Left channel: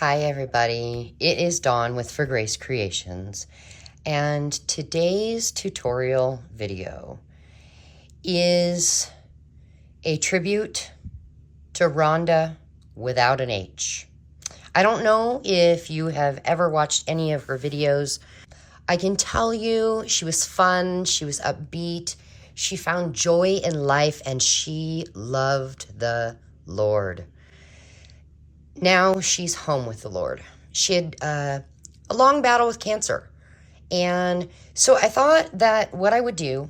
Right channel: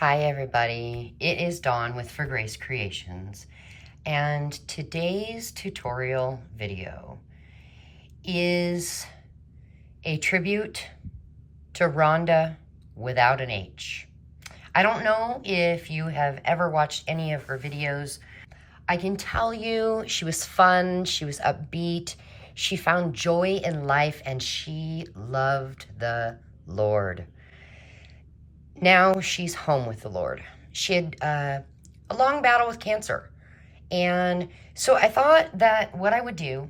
Hi everybody, it is Dawn with For Grace Creations, and today's tutorial video is a tribute to Rhonda without an H. I don't know if you have ever watched any of her videos. I can tell you she was fun, she was upbeat, she found joy in life, and she loved the Lord. Now she's home with the Lord. She had a long battle with cancer. And so I thought that what I would do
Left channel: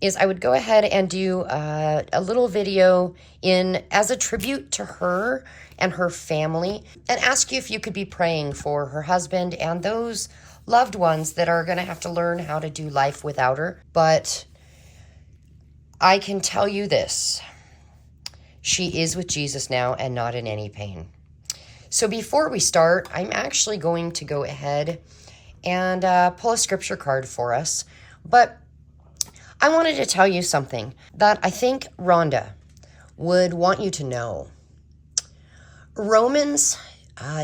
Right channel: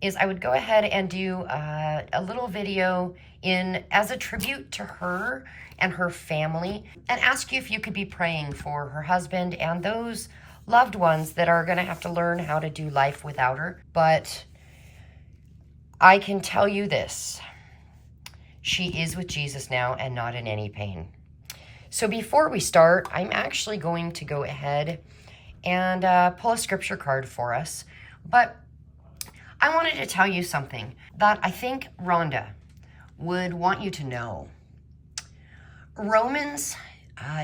is I would go ahead and do a little video as a tribute to her and her family, and ask you if you could be praying for her husband and those loved ones that are going to have to learn how to do life without her. But I can tell you this, she is with Jesus now and not in any pain. So before we start, I'm actually going to go ahead and pull a scripture card for us. But I wanted to tell you something that I think Rhonda would want you to know. Romans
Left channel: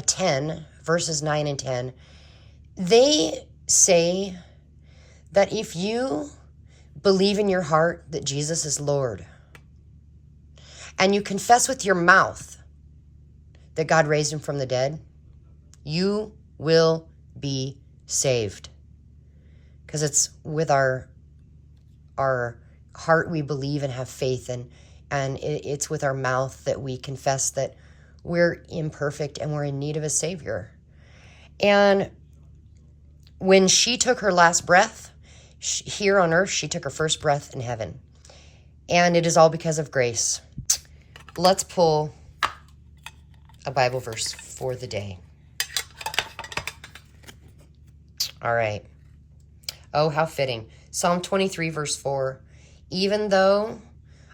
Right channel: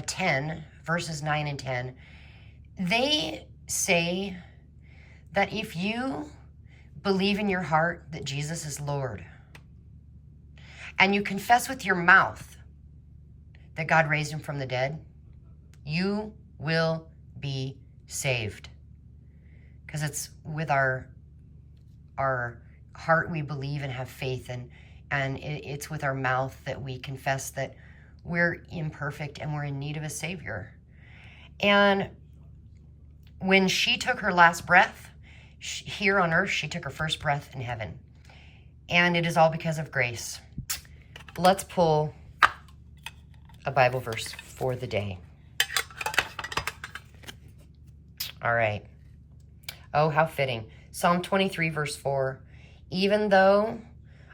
10, verses 9 and 10, they say that if you believe in your heart that Jesus is Lord, and you confess with your mouth that God raised him from the dead, you will be saved. Because it's with our heart we believe and have faith, and it's with our mouth that we confess that we're imperfect and we're in need of a Savior. And when she took her last breath here on earth, she took her first breath in heaven. And it is all because of grace. Let's pull a Bible verse for the day. All right. Oh, how fitting. Psalm 23, verse 4. Even though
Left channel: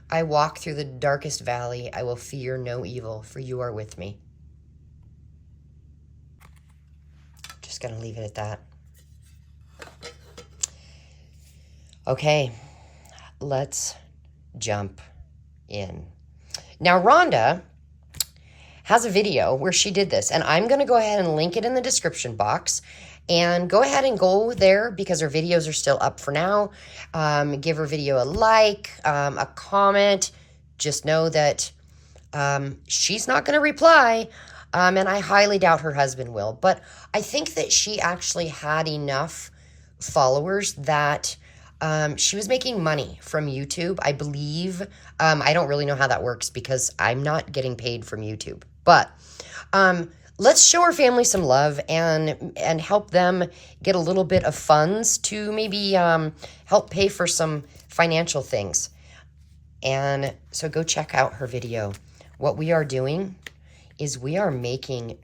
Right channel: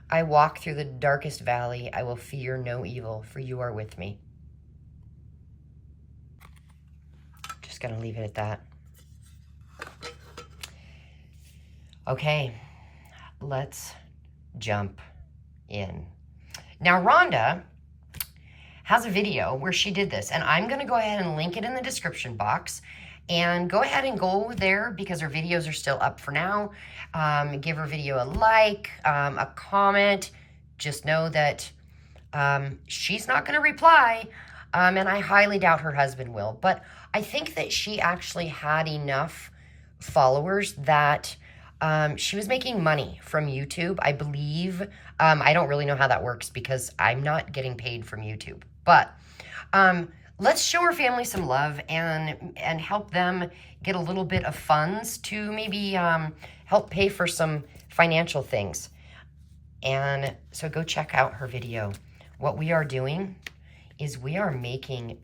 I walk through the darkest valley, I will fear no evil, for you are with me. Just going to leave it at that. Okay, let's jump in. Now, Rhonda has a video where she did this, and I'm going to go ahead and link it in the description box, and go ahead and go there because her videos are still up for now. Give her video a like, a comment. Just know that she's not going to reply, and I highly doubt her husband will, but I think that she actually had enough followers that she was making money from YouTube, I believe. I don't really know how that works because I'm not getting paid from YouTube. But let's show our family some love and help them get a little bit of funds to maybe help pay for some financial things. And so go check out her video. What we are doing is we are making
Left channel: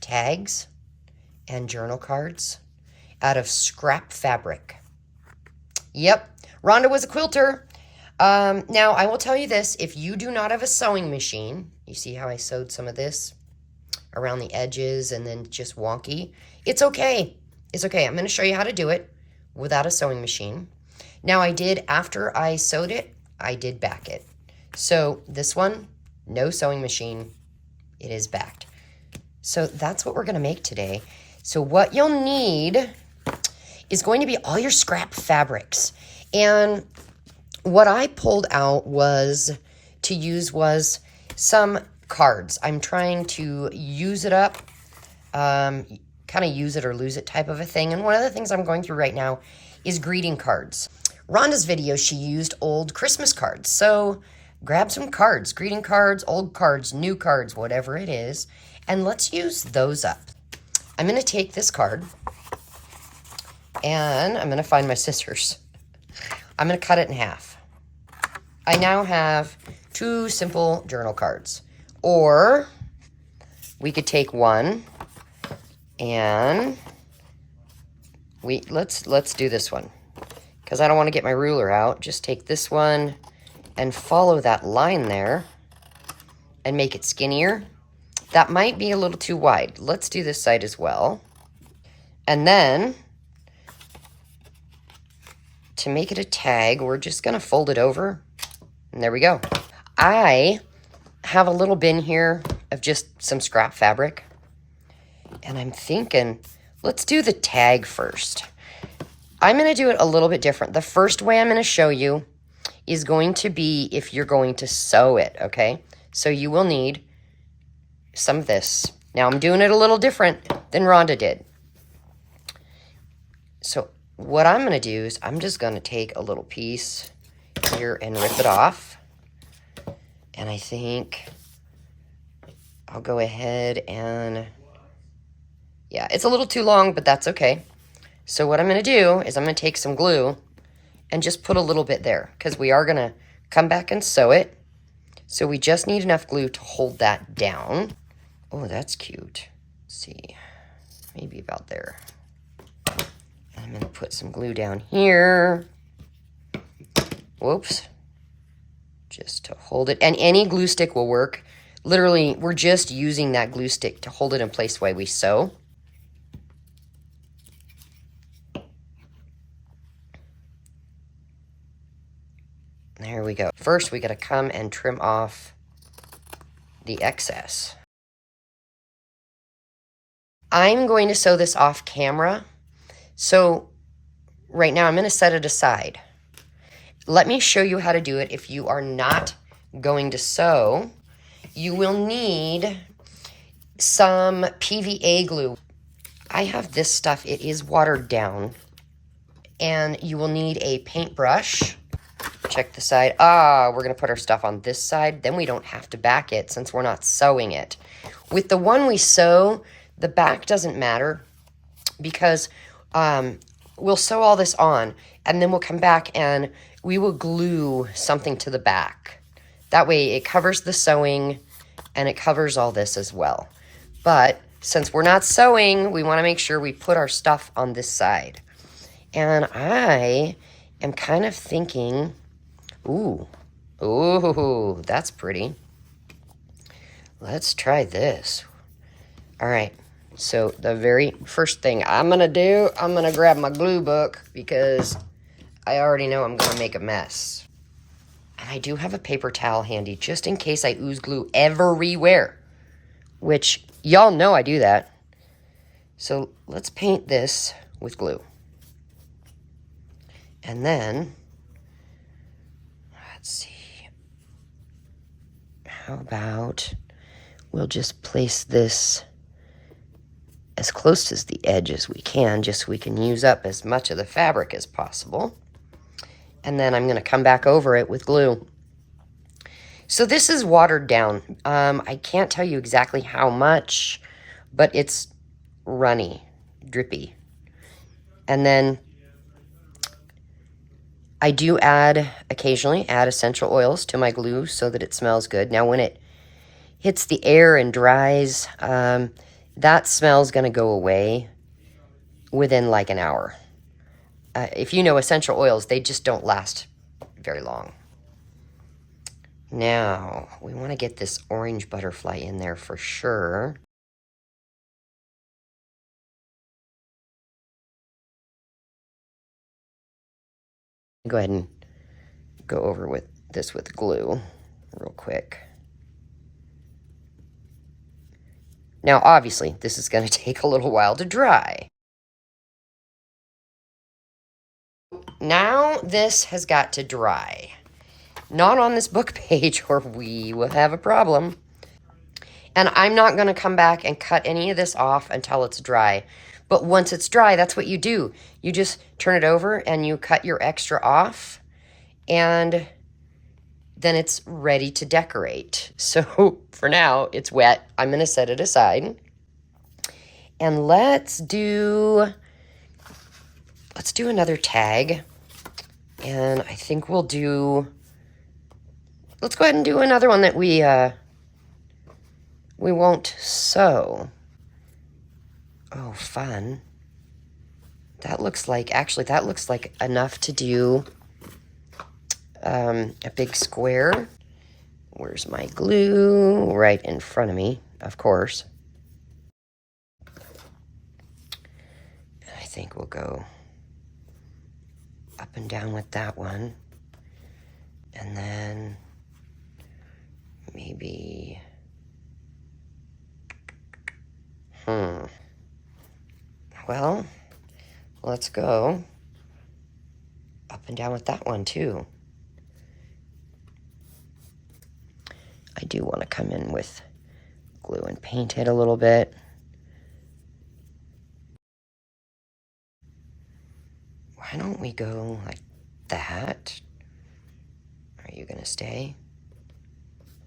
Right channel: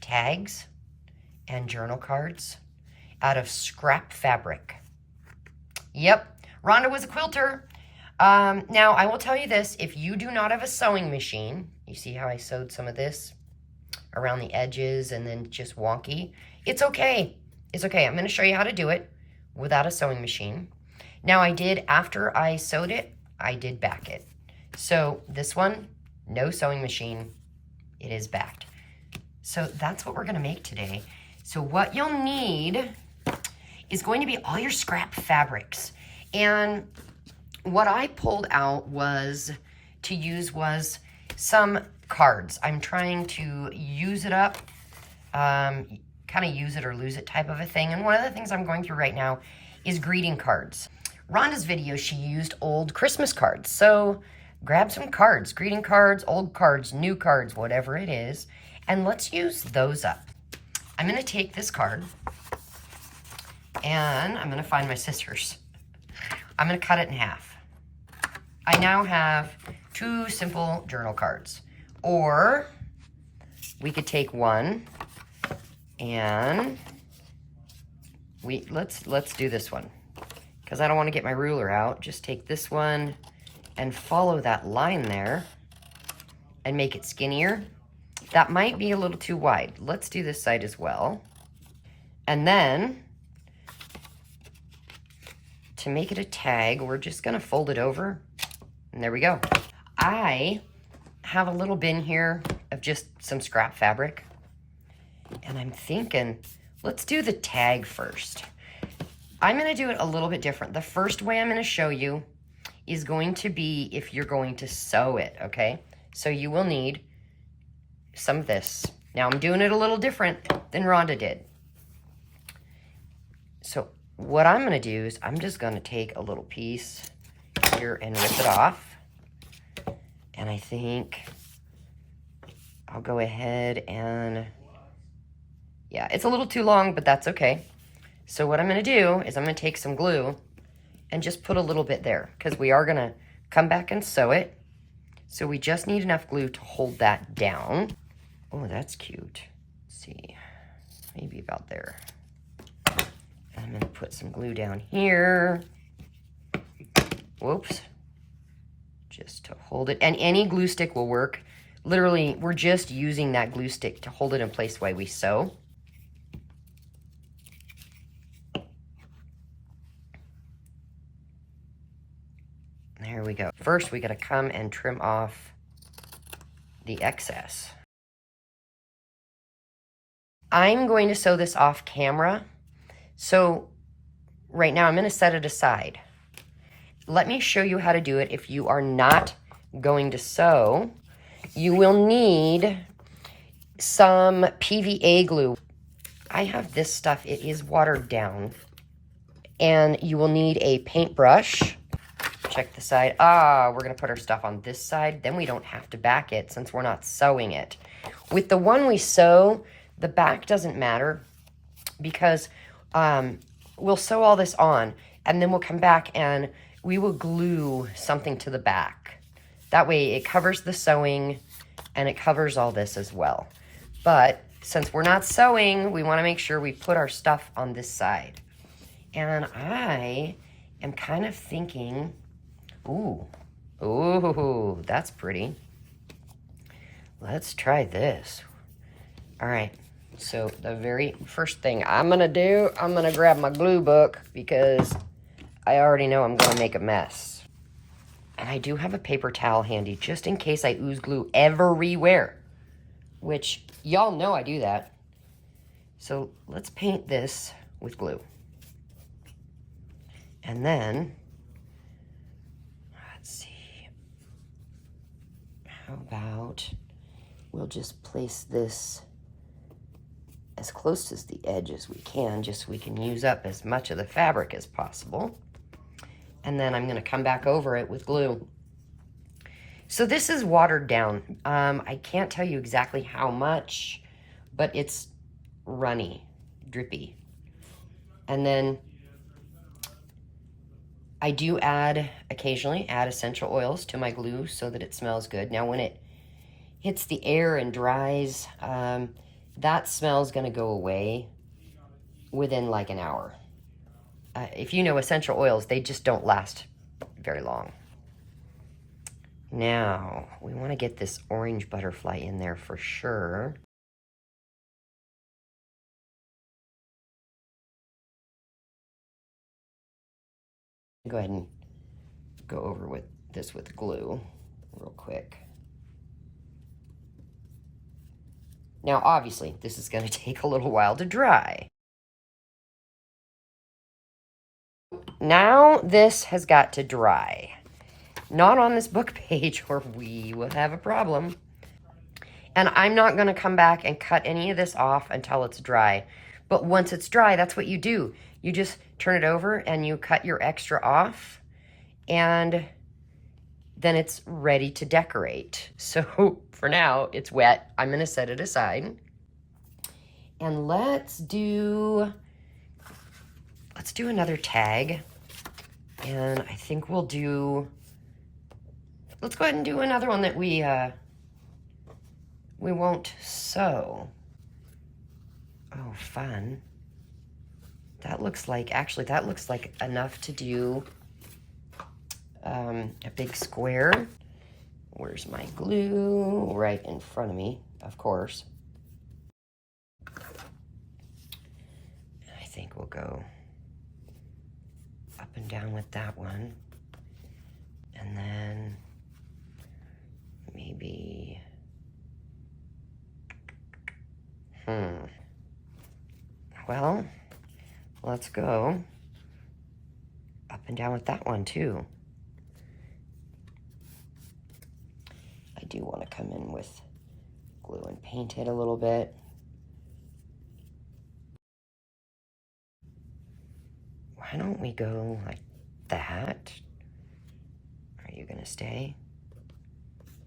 tags and journal cards out of scrap fabric. Yep, Rhonda was a quilter. Now, I will tell you this. If you do not have a sewing machine, you see how I sewed some of this around the edges and then just wonky? It's okay. It's okay. I'm going to show you how to do it without a sewing machine. Now, after I sewed it, I did back it. So this one, no sewing machine. It is backed. So that's what we're going to make today. So what you'll need is going to be all your scrap fabrics. And what I pulled out was some cards. I'm trying to use it up, kind of use it or lose it type of a thing. And one of the things I'm going through right now is greeting cards. Rhonda's video, she used old Christmas cards. So grab some cards, greeting cards, old cards, new cards, whatever it is, and let's use those up. I'm going to take this card, and I'm going to find my scissors. I'm going to cut it in half. I now have 2 simple journal cards. Or we could take one and let's do this one. Because I don't want to get my ruler out. Just take this one and follow that line there and make it skinnier. That might be a little too wide. Let's do this side as well. And then to make it a tag, we're just going to fold it over. And there we go. I have a little bin here of just some scrap fabric. And I'm thinking, let's do the tag first. I'm going to do it a little bit different. The first way I'm going to show you is going to be if you're going to sew it, okay? So you will need some of this. Now I'm doing it a little different than Rhonda did. So what I'm going to do is I'm just going to take a little piece here and rip it off. And I think I'll go ahead and, yeah, it's a little too long, but that's okay. So what I'm going to do is I'm going to take some glue and just put a little bit there because we are going to come back and sew it. So we just need enough glue to hold that down. Oh, that's cute. Let's see, maybe about there. I'm going to put some glue down here. Whoops. Just to hold it. And any glue stick will work. Literally, we're just using that glue stick to hold it in place while we sew. There we go. First, we got to come and trim off the excess. I'm going to sew this off camera. So right now I'm going to set it aside. Let me show you how to do it. If you are not going to sew, you will need some PVA glue. I have this stuff. It is watered down. And you will need a paintbrush. Check the side. We're going to put our stuff on this side. Then we don't have to back it since we're not sewing it. With the one we sew, the back doesn't matter because we'll sew all this on and then we'll come back and we will glue something to the back. That way it covers the sewing and it covers all this as well. But since we're not sewing, we want to make sure we put our stuff on this side. And I am kind of thinking, ooh, that's pretty. Let's try this. All right. So the very first thing I'm going to do, I'm going to grab my glue book because I already know I'm going to make a mess. And I do have a paper towel handy just in case I ooze glue everywhere, which y'all know I do that. So let's paint this with glue. And then, let's see, how about we'll just place this as close to the edge as we can, just so we can use up as much of the fabric as possible. And then I'm going to come back over it with glue. So this is watered down. I can't tell you exactly how much, but it's runny, drippy. And then I do occasionally add essential oils to my glue so that it smells good. Now when it hits the air and dries, that smell's going to go away within like an hour. If you know essential oils, they just don't last very long. Now, we want to get this orange butterfly in there for sure. Go ahead and go over with this with glue real quick. Now, obviously, this is going to take a little while to dry. Now, this has got to dry. Not on this book page or we will have a problem. And I'm not going to come back and cut any of this off until it's dry. But once it's dry, that's what you do. You just turn it over and you cut your extra off. And then it's ready to decorate. So for now, it's wet. I'm going to set it aside. And let's do another tag. And I think we'll do, let's go ahead and do another one that we won't sew. Oh, fun. That looks like enough to do a big square. Where's my glue? Right in front of me, of course. I think we'll go up and down with that one. And then maybe, well, let's go up and down with that one too. I do want to come in with glue and paint it a little bit. Why don't we go like that? Are you gonna stay?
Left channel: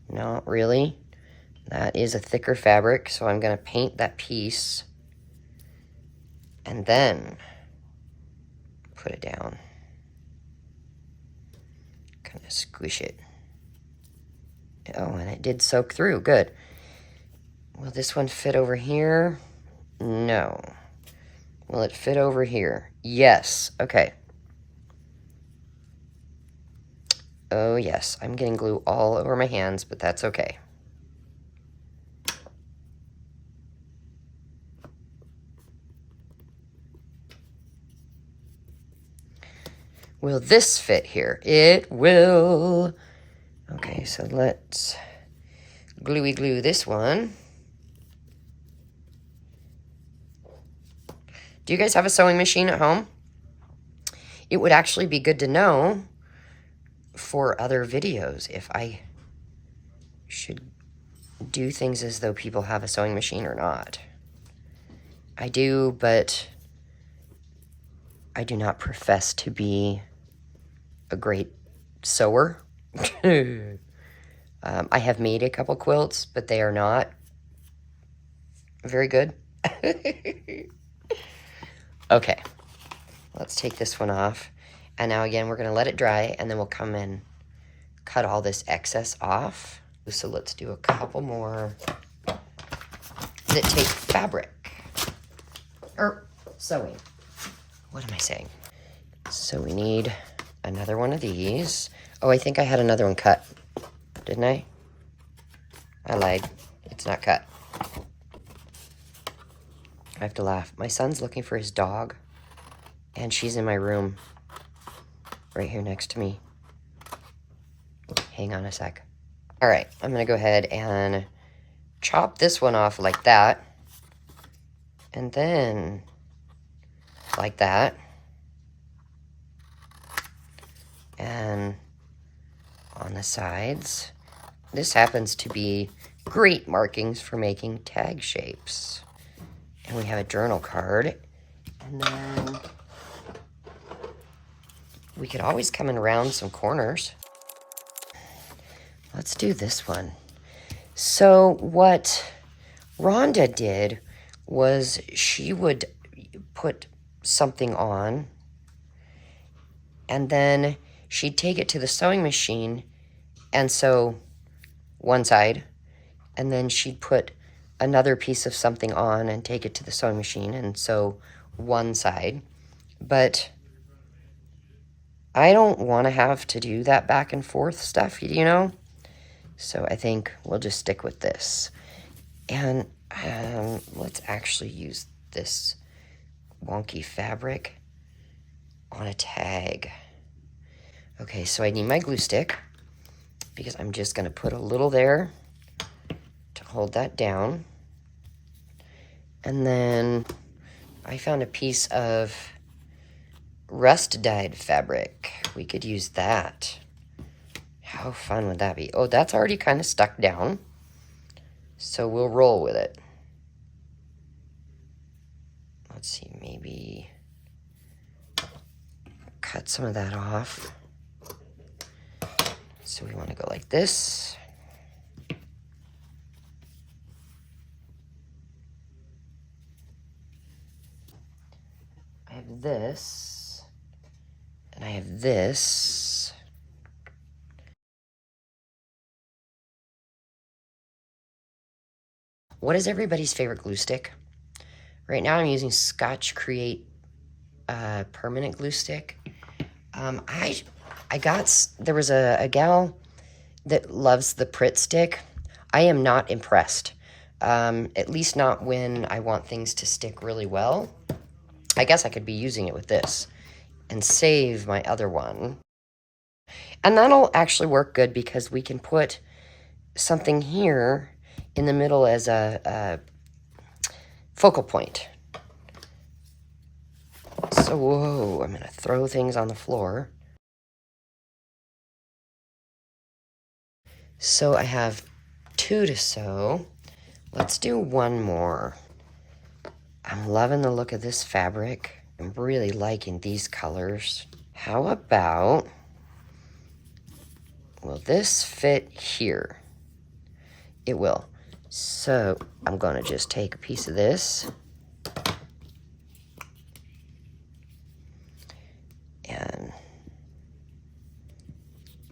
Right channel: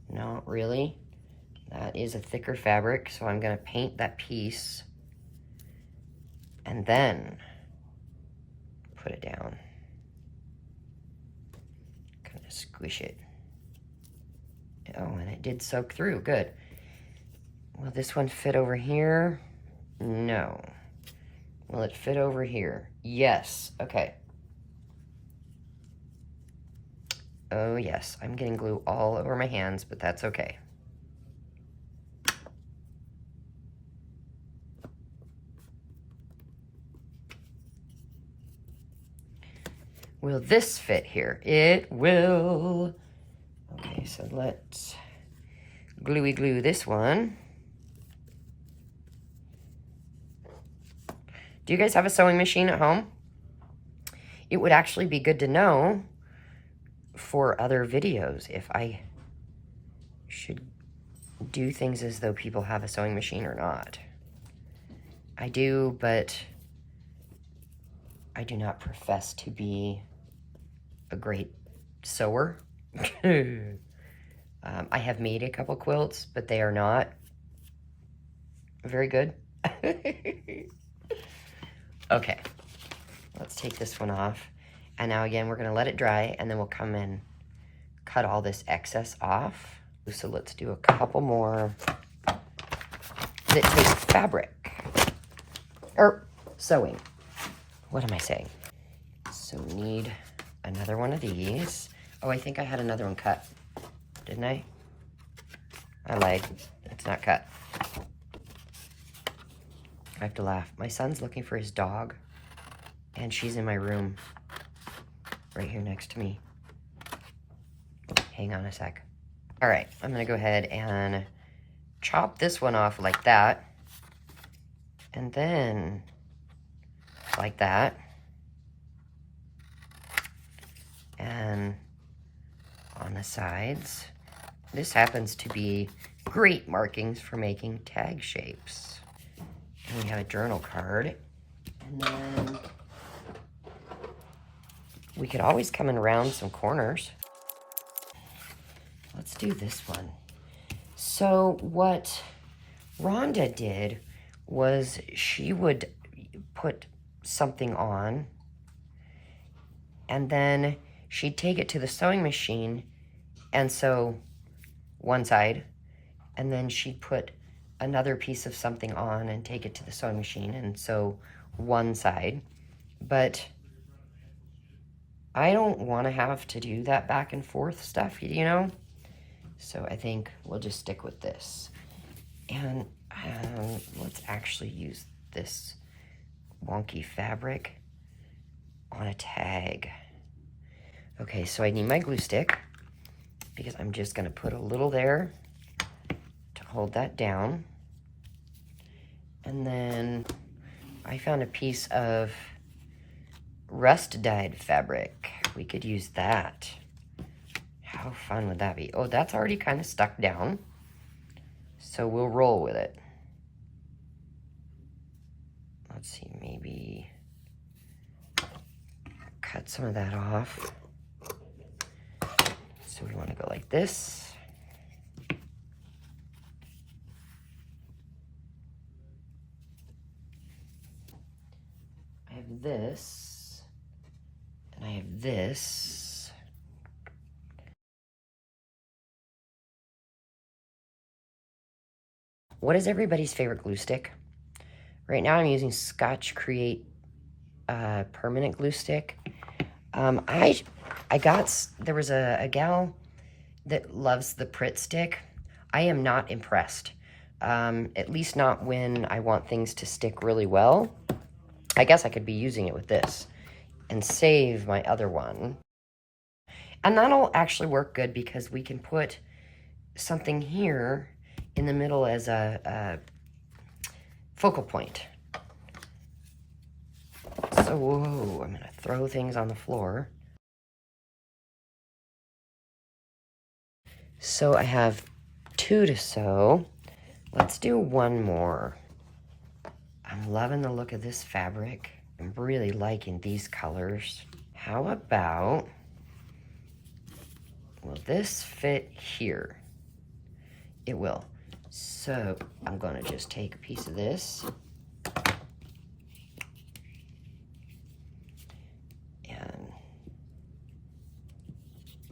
Not really. That is a thicker fabric, so I'm gonna paint that piece and then put it down. Kind of squish it. Oh, and it did soak through, good. Will this one fit over here? No. Will it fit over here? Yes, okay. Oh yes, I'm getting glue all over my hands, but that's okay. Will this fit here? It will. Okay, so let's gluey glue this one. Do you guys have a sewing machine at home? It would actually be good to know for other videos if I should do things as though people have a sewing machine or not. I do, but I do not profess to be a great sewer. I have made a couple quilts, but they are not very good. Okay, let's take this one off. And now again, we're gonna let it dry and then we'll come in, cut all this excess off. So let's do a couple more that take fabric, or sewing. What am I saying? So we need another one of these. Oh, I think I had another one cut, didn't I? I lied, it's not cut. I have to laugh. My son's looking for his dog, and she's in my room, right here next to me. Hang on a sec. All right, I'm gonna go ahead and chop this one off like that, and then like that, and on the sides. This happens to be great markings for making tag shapes. And we have a journal card, and then we could always come in around some corners. Let's do this one. So what Rhonda did was she would put something on, and then she'd take it to the sewing machine and sew one side, and then she'd put another piece of something on and take it to the sewing machine and sew one side. But I don't want to have to do that back and forth stuff, you know? So I think we'll just stick with this. And let's actually use this wonky fabric on a tag. Okay, so I need my glue stick because I'm just going to put a little there to hold that down. And then I found a piece of rust-dyed fabric. We could use that. How fun would that be? Oh, that's already kind of stuck down, so we'll roll with it. Let's see, maybe cut some of that off. So we want to go like this. I have this, and I have this. What is everybody's favorite glue stick? Right now I'm using Scotch Create permanent glue stick. There was a gal that loves the Pritt stick. I am not impressed. At least not when I want things to stick really well. I guess I could be using it with this and save my other one. And that'll actually work good because we can put something here in the middle as a focal point. So, whoa, I'm gonna throw things on the floor. So I have 2 to sew. Let's do 1 more. I'm loving the look of this fabric. I'm really liking these colors. How about, will this fit here? It will. So I'm gonna just take a piece of this and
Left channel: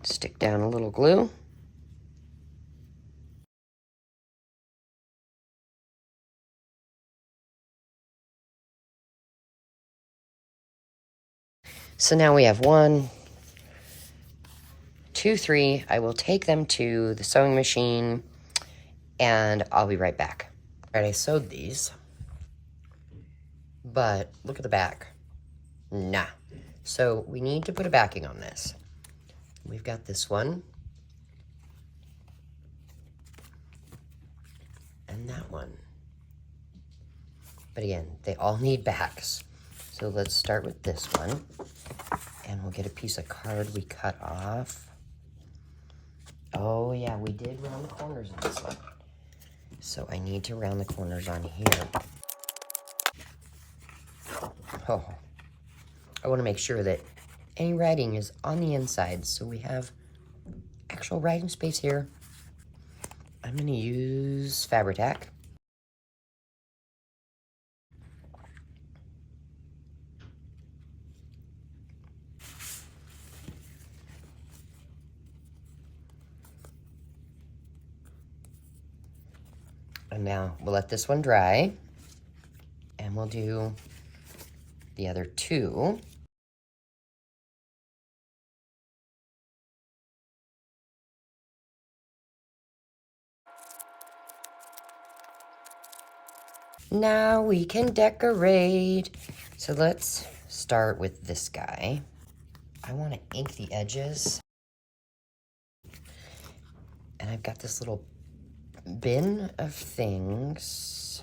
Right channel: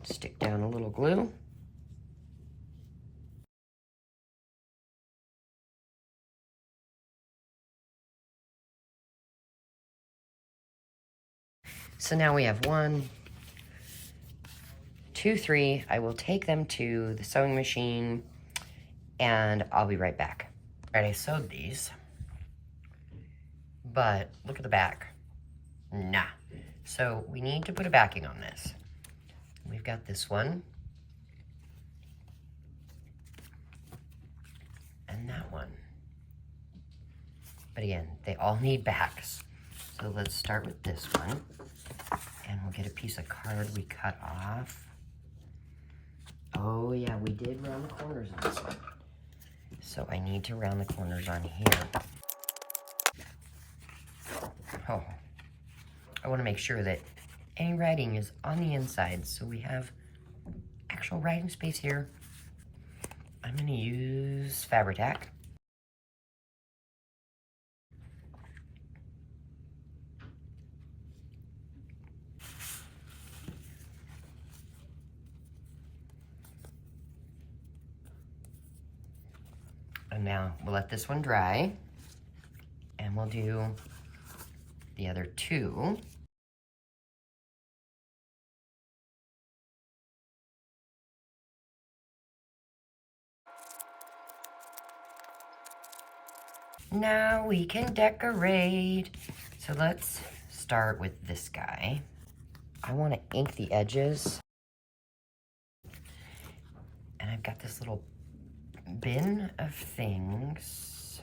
stick down a little glue. So now we have 1, 2, 3. I will take them to the sewing machine and I'll be right back. All right, I sewed these, but look at the back. Nah. So we need to put a backing on this. We've got this one. And that one. But again, they all need backs. So let's start with this one. And we'll get a piece of card we cut off. Oh yeah, we did round the corners on this one. So I need to round the corners on here. Oh, I want to make sure that any writing is on the inside, so we have actual writing space here. I'm going to use Fabri-Tac. And now we'll let this one dry, and we'll do the other 2. Now we can decorate. So let's start with this guy. I want to ink the edges. And I've got this little bin of things.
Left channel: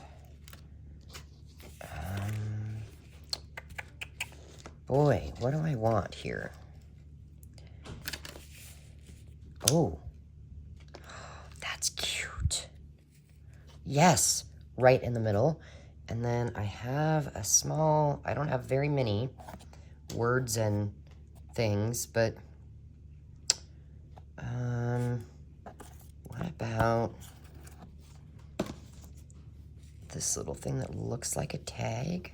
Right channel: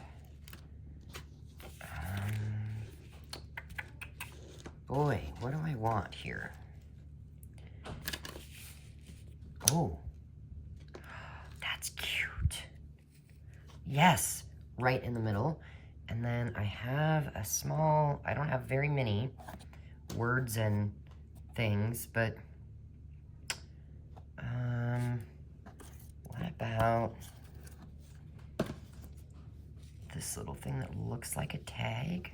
Boy, what do I want here? Oh, that's cute. Yes, right in the middle. And then I have a small, I don't have very many words and things, but what about this little thing that looks like a tag?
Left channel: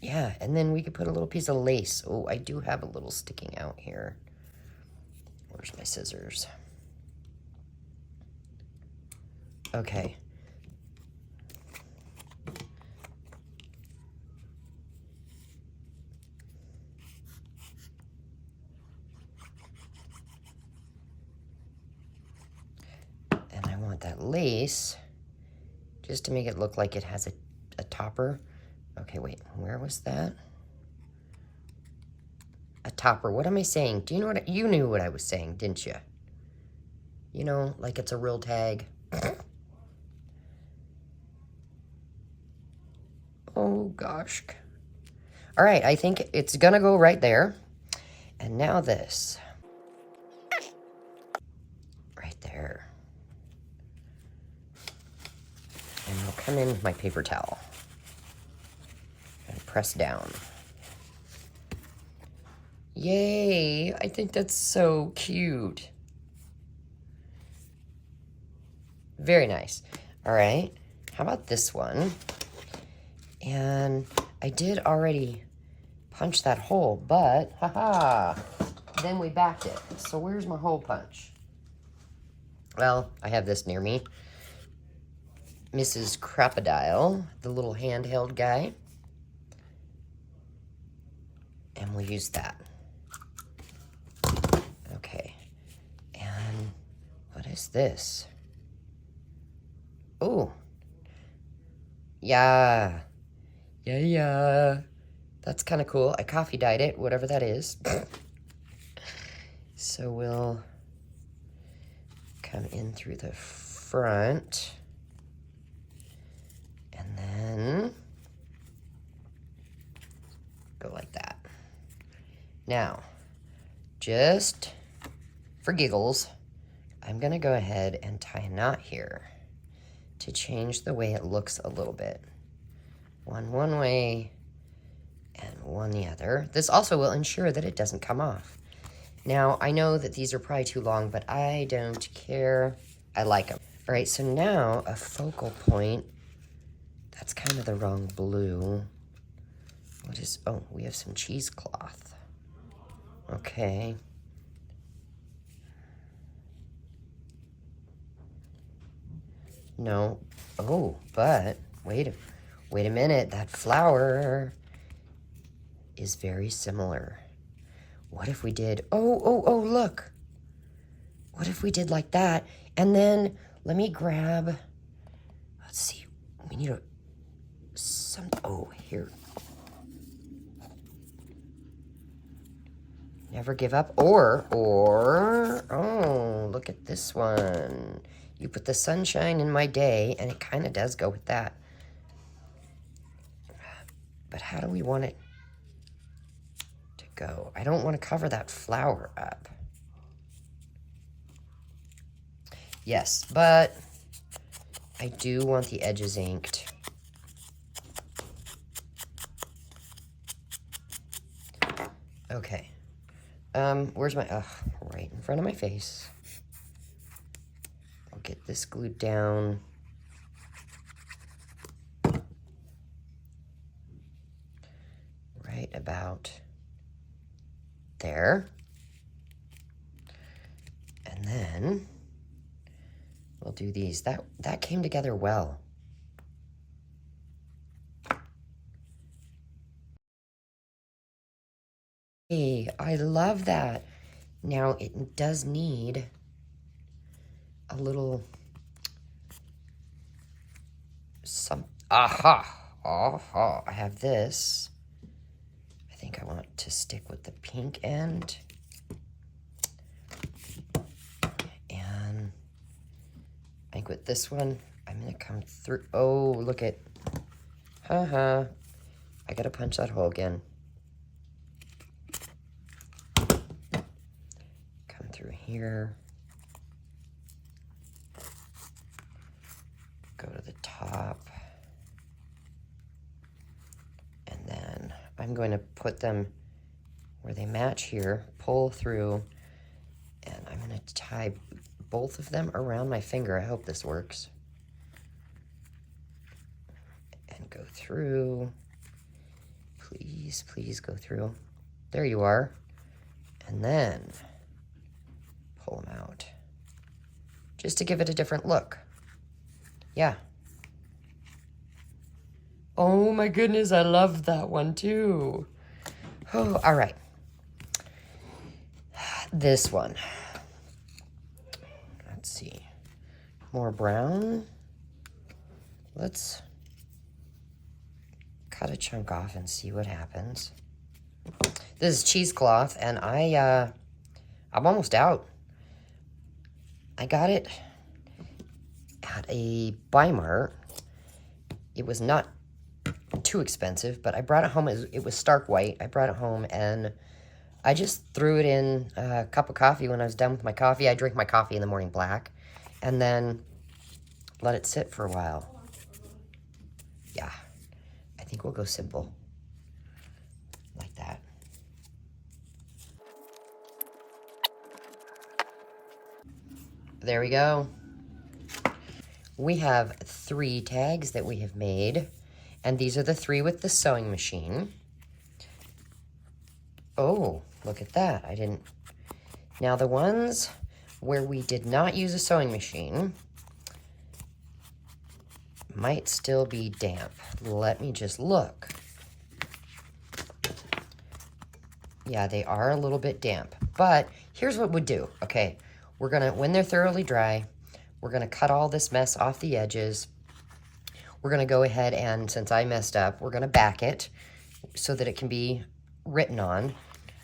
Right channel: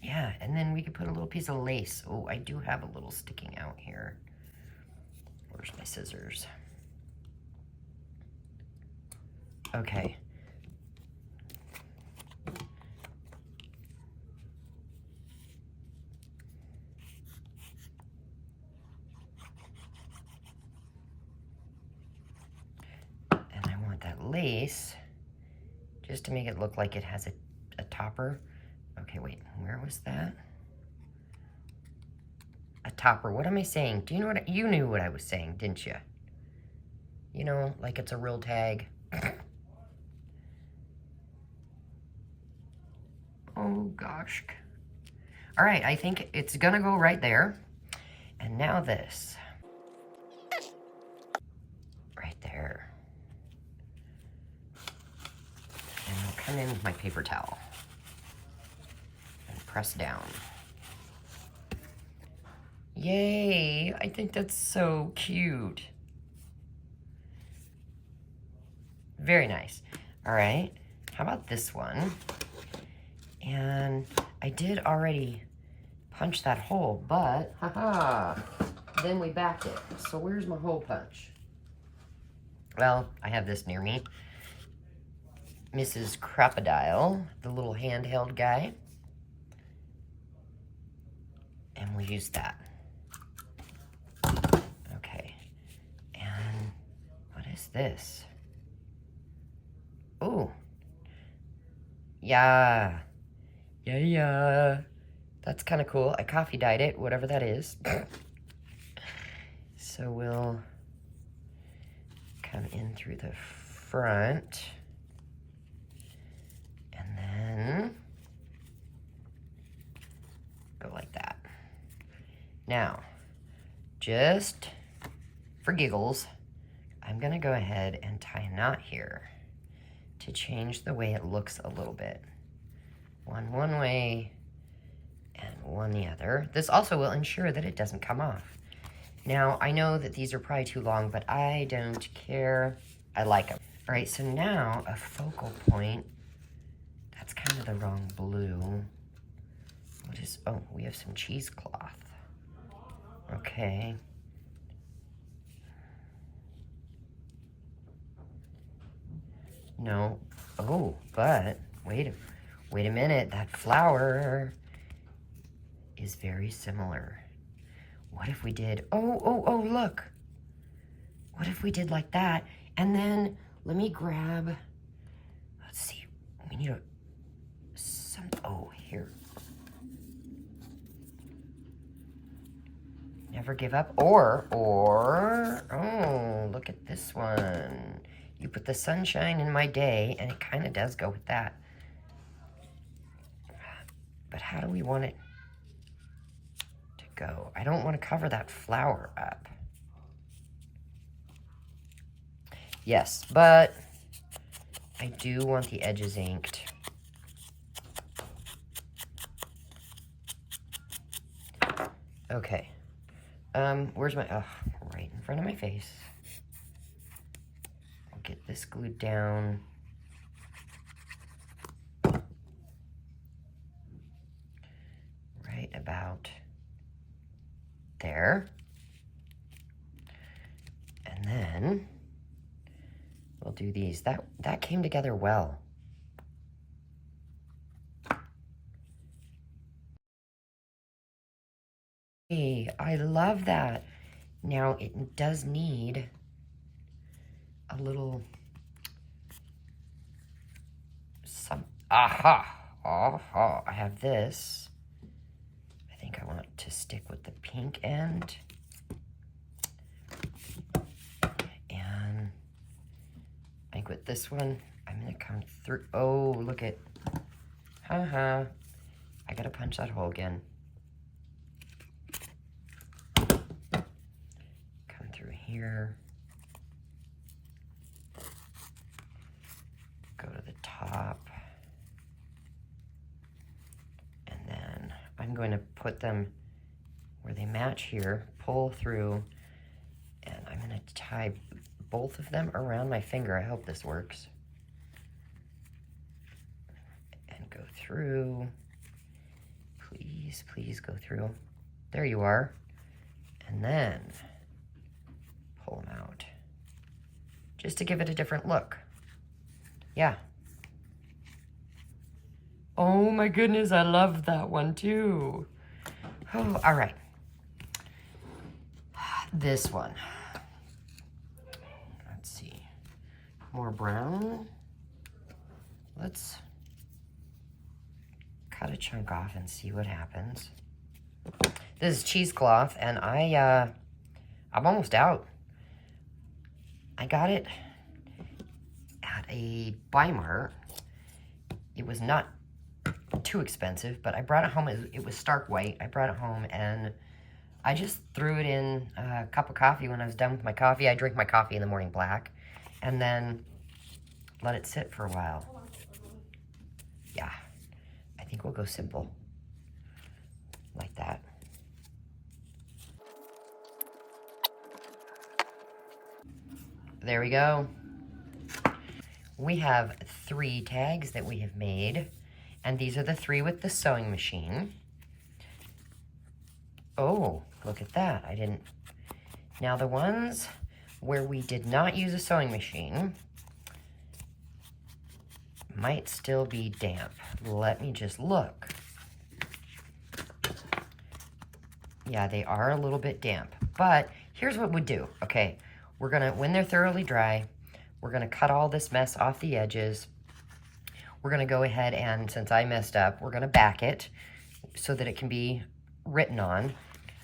Yeah, and then we could put a little piece of lace. Oh, I do have a little sticking out here. Where's my scissors? Okay. And I want that lace just to make it look like it has a topper. Okay, wait, where was that? A topper. What am I saying? Do you know what you knew what I was saying, didn't you? You know, like it's a real tag. Oh gosh. All right, I think it's gonna go right there. And now this. Right there. And I'll come in with my paper towel. And press down. Yay! I think that's so cute. Very nice. All right, how about this one? And I did already punch that hole, but haha, then we backed it. So where's my hole punch? Well, I have this near me. Mrs. Crocodile, the little handheld guy. And we'll use that. Okay. And what is this? Oh. Yeah. Yeah. That's kind of cool. I coffee dyed it, whatever that is. So we'll come in through the front. And Now, just for giggles, I'm gonna go ahead and tie a knot here to change the way it looks a little bit. One way and one the other. This also will ensure that it doesn't come off. Now, I know that these are probably too long, but I don't care. I like them. All right, so now a focal point. That's kind of the wrong blue. What is, oh, we have some cheesecloth. Okay. No. Oh, but wait a minute. That flower is very similar. What if we did, oh, look. What if we did like that? And then let me grab, let's see, we need oh, here. Never give up. Or, oh, look at this one. You put the sunshine in my day, and it kind of does go with that. But how do we want it to go? I don't want to cover that flower up. Yes, but I do want the edges inked. Okay. Where's my, right in front of my face. I'll get this glued down. Right about there. And then we'll do these. That came together well. Hey, I love that. Now it does need a little aha. I have this. I think I want to stick with the pink end. And I think with this one, I'm gonna come through. Oh, look at, I gotta punch that hole again. Come through here. Go to the top. And then I'm going to put them where they match here, pull through, and I'm going to tie both of them around my finger. I hope this works. And go through. Please, please go through. There you are. And then pull them out. Just to give it a different look. Yeah. Oh my goodness, I love that one too. Oh, all right. This one. Let's see. More brown. Let's cut a chunk off and see what happens. This is cheesecloth, and I'm almost out. I got it at a Weimar. It was not too expensive, but I brought it home. It was stark white. I brought it home, and I just threw it in a cup of coffee when I was done with my coffee. I drink my coffee in the morning black, and then let it sit for a while. Yeah, I think we'll go simple, like that. There we go. We have 3 tags that we have made, and these are the 3 with the sewing machine. Oh, look at that. I didn't. Now the ones where we did not use a sewing machine might still be damp. Let me just look. Yeah, they are a little bit damp, but here's what we'd do. Okay, we're gonna, when they're thoroughly dry, we're gonna cut all this mess off the edges. We're gonna go ahead and, since I messed up, we're gonna back it so that it can be written on.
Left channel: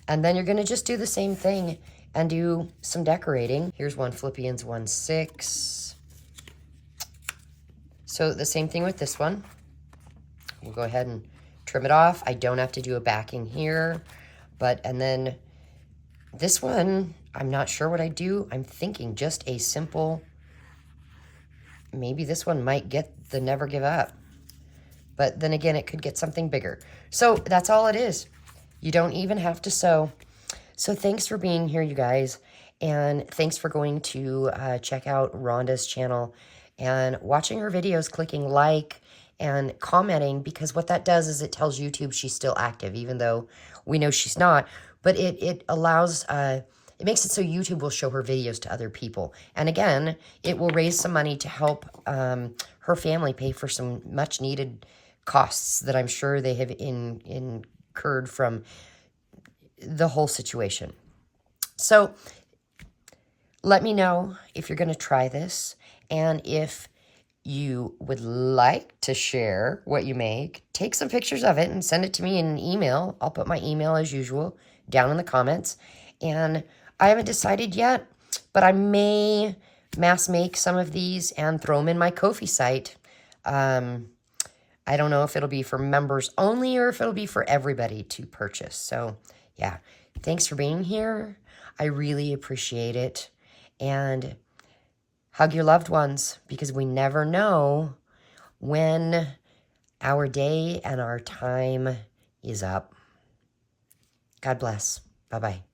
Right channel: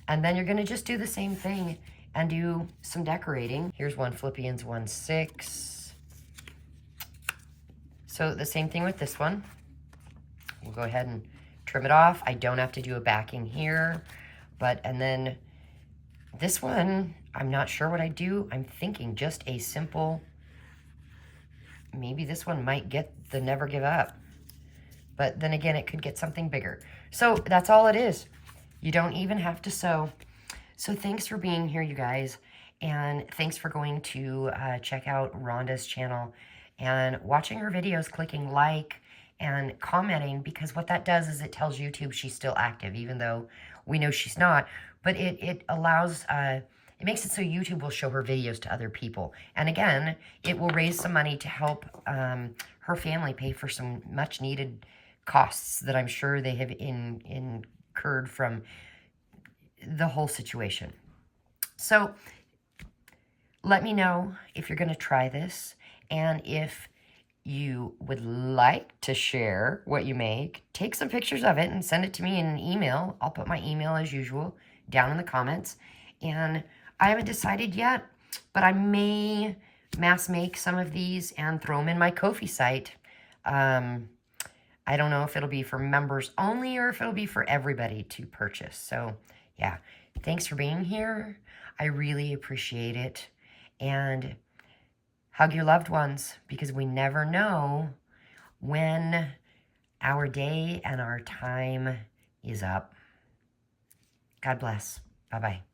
And then you're gonna just do the same thing and do some decorating. Here's one, Philippians 1:6. So the same thing with this one. We'll go ahead and trim it off. I don't have to do a backing here. But, and then this one, I'm not sure what I do. I'm thinking just a simple, maybe this one might get the never give up. But then again, it could get something bigger. So that's all it is. You don't even have to sew. So thanks for being here, you guys. And thanks for going to check out Rhonda's channel and watching her videos, clicking like and commenting, because what that does is it tells YouTube she's still active, even though we know she's not. But it allows, it makes it so YouTube will show her videos to other people. And again, it will raise some money to help her family pay for some much needed costs that I'm sure they have incurred from the whole situation. So let me know if you're going to try this, and if you would like to share what you make, take some pictures of it and send it to me in an email. I'll put my email as usual down in the comments. And I haven't decided yet, but I may mass make some of these and throw them in my Ko-fi site. I don't know if it'll be for members only or if it'll be for everybody to purchase. So yeah, thanks for being here. I really appreciate it. And hug your loved ones, because we never know when our day and our time is up. God bless. Bye-bye.